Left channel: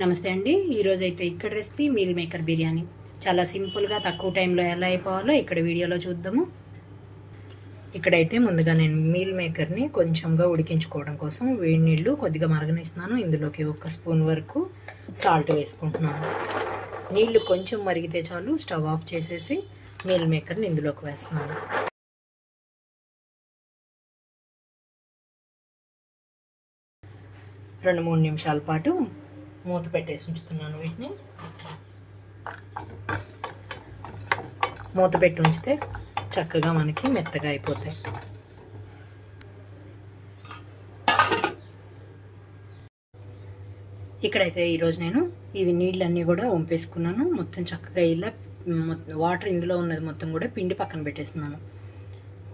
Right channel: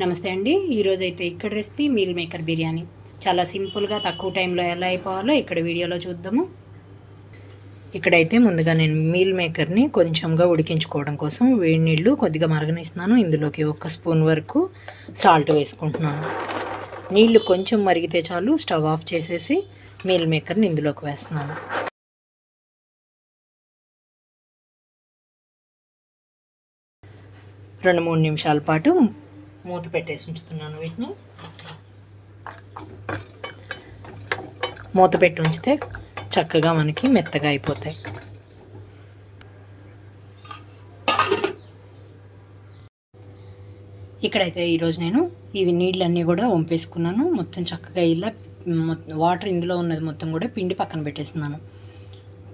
నమస్తే అండి. ఈరోజు అయితే ఇక్కడ రెసిపీ మీల్ మేకర్ బిర్యానీ చాలా సింపుల్గా తక్కువ టైంలో ఎలా అయిపోవాలో ఇక్కడ వీడియోలో చూద్దాము. ఇక్కడైతే ముందుగా నేను మీల్ మేకర్ని కొంచెంగా ఉడికించుకోవడం కోసం వేడి నీళ్ళు కొద్దిగా మరగనిస్తున్నాను. ఇందులోకి 1 స్పూన్ వరకు సాల్ట్ వేసుకుంటున్నాను. నీళ్లు కొంచెం మరిగితే చాలు స్టవ్ ఆఫ్ చేసేసి మీల్ మేకర్ని ఇందులోకి వేస్తున్నాను. రెండు మూడు నిమిషాల పాటు మూత పెట్టేసి ఉంచుతున్నాను. వీటిని మూత పెట్టి ఉంచితే చక్కగా మనకి మెత్తగా అయిపోతాయి. ఇక్కడైతే ఈరోజు నేను ఇవి నీళ్ళన్నీ కూడా వంపేసుకున్నాను. మొత్తం చక్కగా ఇలా వాటర్ ఇందులో ఉన్నది మొత్తం కూడా పిండి పక్కన పెట్టేస్తున్నాను.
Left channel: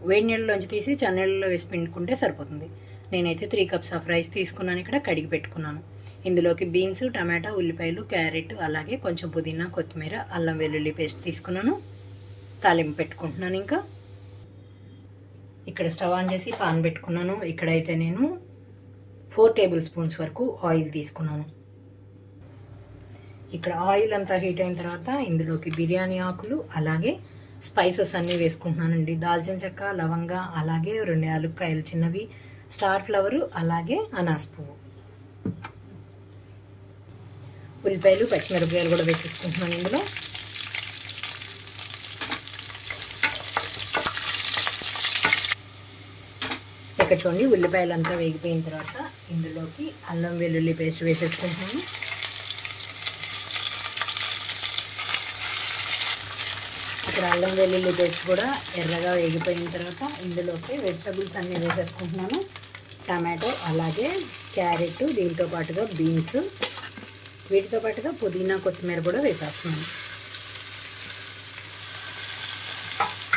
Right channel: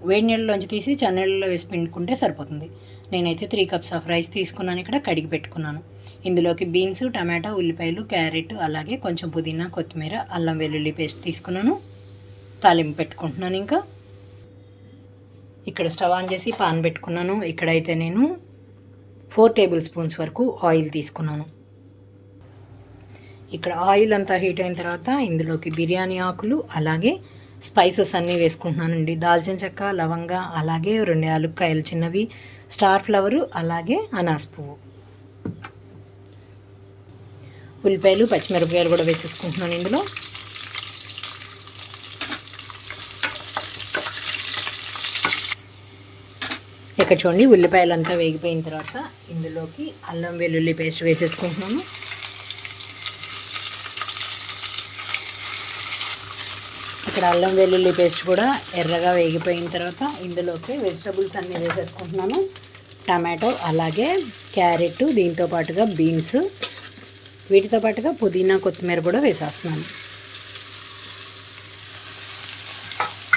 వేడి నీళ్ళలోంచి తీసి చన్నీళ్ళలో వేసి పిండుకుంటే సరిపోతుంది. నేనైతే 3 కప్స్ ఆఫ్ రైస్ తీసుకున్నాను. ఇక్కడ కడిగి పెట్టుకున్నాను. ఇందులోకి బీన్స్, టమాటా, ఉల్లిపాయలు, క్యారెట్, అలాగే కొంచెం పుదీనా, కొత్తిమీర, అల్లం వెల్లుల్లి పేస్ట్ తీసుకున్నాను. తాలింపు పెట్టుకుంటున్నాను. ఇంకా ఇక్కడ స్టవ్ ఆన్ చేసి పాన్ పెట్టుకున్నాను. ఇక్కడైతే నేను 4 టేబుల్ స్పూన్స్ వరకు ఆయిల్ తీసుకున్నాను. ఇక్కడ ఆయిల్ అంతా హీట్ అయిన తర్వాత ఇందులోకి బిర్యానీ ఆకులు అలాగే స్పైసెస్ అన్నీ వేసుకుంటున్నానండి. దాల్చిన చెక్క, లవంగా, అలాగే 2 యాలక్కాయలు చిన్నవి, స్టార్ ఫ్లవరు, అలాగే అనాస్ పువ్వు, ఉల్లిపాయలు, పచ్చిమిరపకాయలు కూడా వేసేసుకుంటున్నాను ఇందులో. ఇక్కడ చూడండి ఉల్లిపాయలు అంతా వేగిపోయిన తర్వాత ఇందులోకి అల్లం వెల్లుల్లి పేస్ట్ వేసేసుకుంటున్నాను. ఇక్కడ అల్లం వెల్లుల్లి పేస్ట్ కూడా ఎర్రగా వేగిపోయిన తర్వాత ఇందులోకి వెజిటబుల్స్ అన్నీ వేసేసుకుంటున్నాను. టమాటో, అలాగే క్యారెట్, దీంతో పాటుగా బీన్స్, వీటితో పాటుగా పుదీనా, కొత్తిమీర కూడా వేసేస్తున్నాను.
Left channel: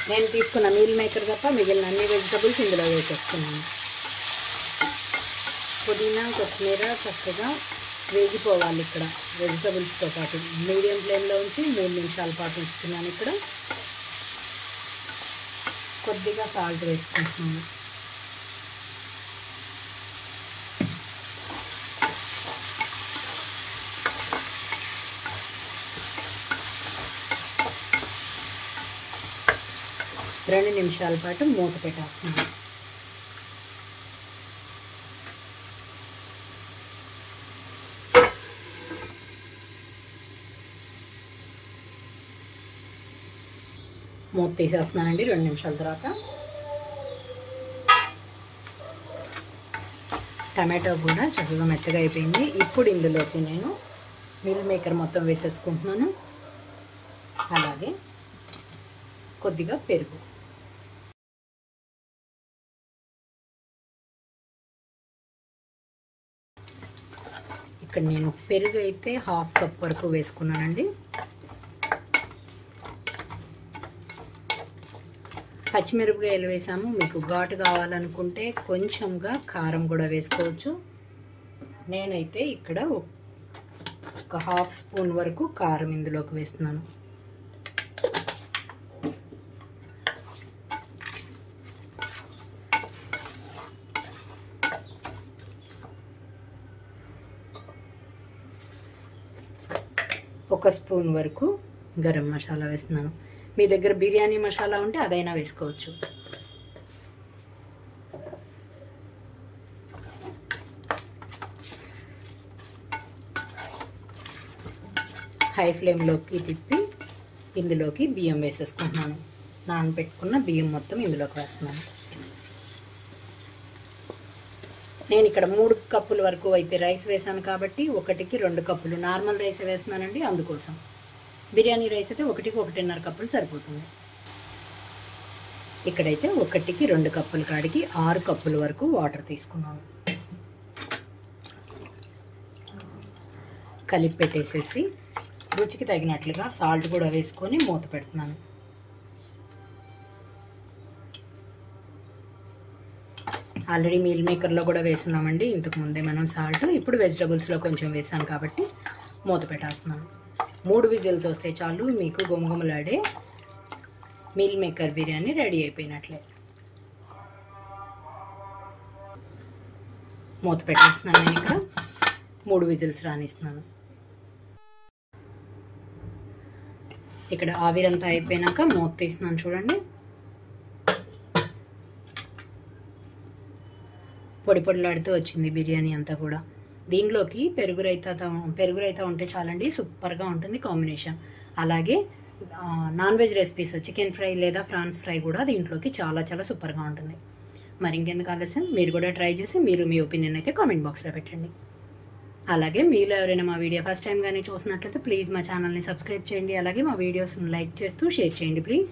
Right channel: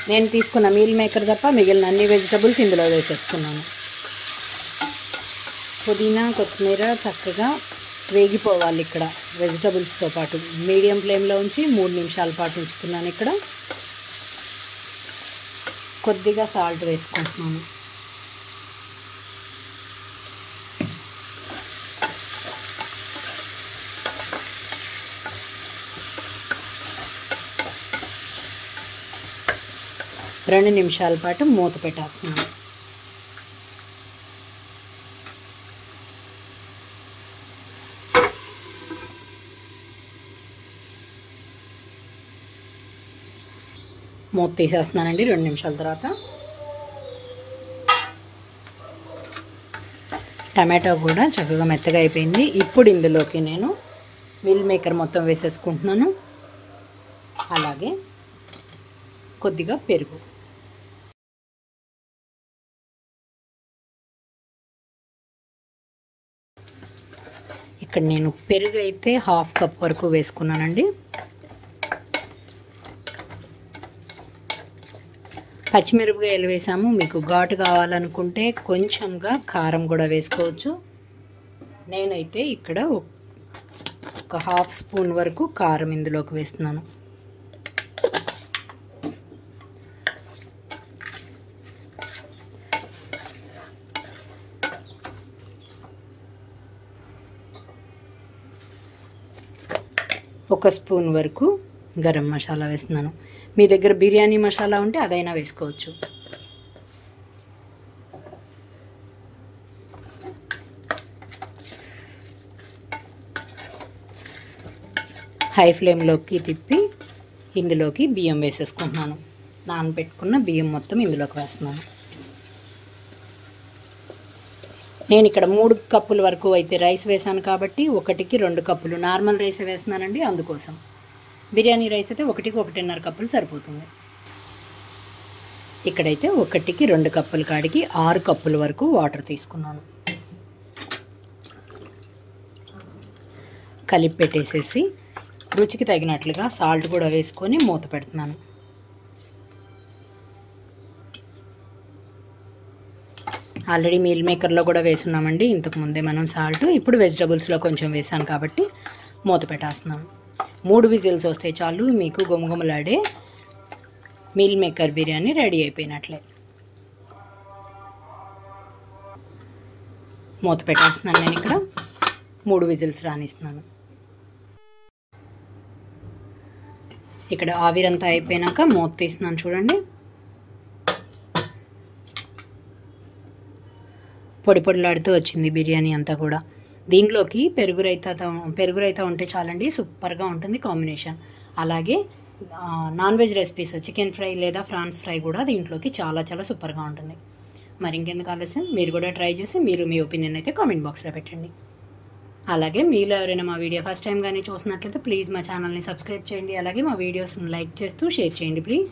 నేను తీసుకున్న మీల్ మేకర్ తప్ప మిగిలిన అన్ని వెజిటబుల్స్ ఇందులో వేసేసుకున్నాను. పుదీనా, కొత్తిమీర చక్కగా వేగిపోవాలి. ఇక్కడ వెజిటబుల్స్తో పాటు మీడియం ఫ్లేమ్లో ఉంచి 3 నిమిషాల పాటు ఉంచుతున్నాను. ఇక్కడ కొద్దిగా సాల్ట్ వేసుకుంటున్నాను. రెండు నిమిషాల పాటు మూత పెట్టేస్తున్నాను. మూత తీసేస్తున్నానండి 2 నిమిషాల తర్వాత. టమాటో కూడా చక్కగా మెత్తగా అయిపోయింది. ఇప్పుడు ఇందులోకి నేను మీల్ మేకర్ మొత్తం వేసేసుకుంటున్నాను. అలాగే కొద్దిగా పెరుగు. ఇక్కడ నేను పెరుగు అయితే 1/2 కప్ వరకు వేసుకున్నానండి. పచ్చిమిరపకాయలు వేసాము. మీకు ఘాటు కావాలనుకుంటే కొంచెంగా కారం కూడా వేసుకోవచ్చు. నేనైతే ఇక్కడ 1/2 స్పూన్ వరకు కారం ఇందులోకి వేస్తున్నాను. ఒక స్పూన్ వరకు గరం మసాలా వేస్తున్నాను. మీ దగ్గర బిర్యానీ మసాలా ఉంటే అదైనా వేసుకోవచ్చు. హై ఫ్లేమ్లోకి తిప్పి ఇందులోకి బియ్యం వేసేసుకుంటున్నాను. నానబెట్టుకున్న బియ్యం మొత్తం ఇందులోకి వేస్తున్నాను. నేను ఇక్కడ 3 కప్పుల వరకు అయితే రైస్ వేసాను కాబట్టి 1కి 2 కప్పులు నార్మల్ రైస్ వేస్తున్నానండి. అందుకోసం బిర్యానీ రైస్ అయితే 1కి 1.5 కప్పులు సరిపోతుంది. ఇక్కడైతే 1కి 2 కప్పుల కాడికి 6 కప్పుల వరకు వాటర్ తీసుకున్నాను. కలిపి పెట్టేసేసి రుచికి తగినట్లుగా సాల్ట్ కూడా వేసుకొని మూత పెడుతున్నాను. ఆల్రెడీ మీల్ మేకర్లో కూడా వేసున్నామండి ఇంతకుముందే మనం సాల్ట్. ఇప్పుడు వెజిటబుల్స్లో కొంచెం వేసాను కాబట్టి మూత పెట్టేస్తున్నాను. 3 విజిల్స్ వస్తే చాలు మీకు గుమగుమలాడే మీల్ మేకర్ బిర్యానీ రెడీ అయిపోయినట్లే. మూత పెట్టేస్తున్నాను. నేను ఇక్కడ 3 విజిల్స్ రానిస్తున్నాను. ఇక్కడ ఆవిరంతా అయిపోయినాక మూత తీస్తున్నాను చూడండి. పొడి పొడిలాడుతూ వచ్చింది బిర్యానీ అంతా కూడా. దీనిలోకి పెరుగు రైతా ఉంటే చాలండి, సూపర్గా ఉంటుంది కాంబినేషన్. అలాగే non veg recipes chicken fry లేదా ఫ్రాన్స్ ఫ్రై కూడా దీంట్లోకి చాలా చాలా సూపర్గా ఉంటుంది. మరి ఇంకెందుకు ఆలస్యం, మీరు కూడా ట్రై చేసి మీ ఒపీనియన్ అయితే కామెంట్ బాక్స్లో పెట్టండి. అలాగే మీరు ఎవరైనా మా వీడియో ఫస్ట్ టైం కానీ చూసినట్లయితే ప్లీజ్ మా ఛానల్ని సబ్స్క్రైబ్ చేయండి. అలాగే మా వీడియోస్ని లైక్ చేస్తూ షేర్ చేయండి ప్లీజ్.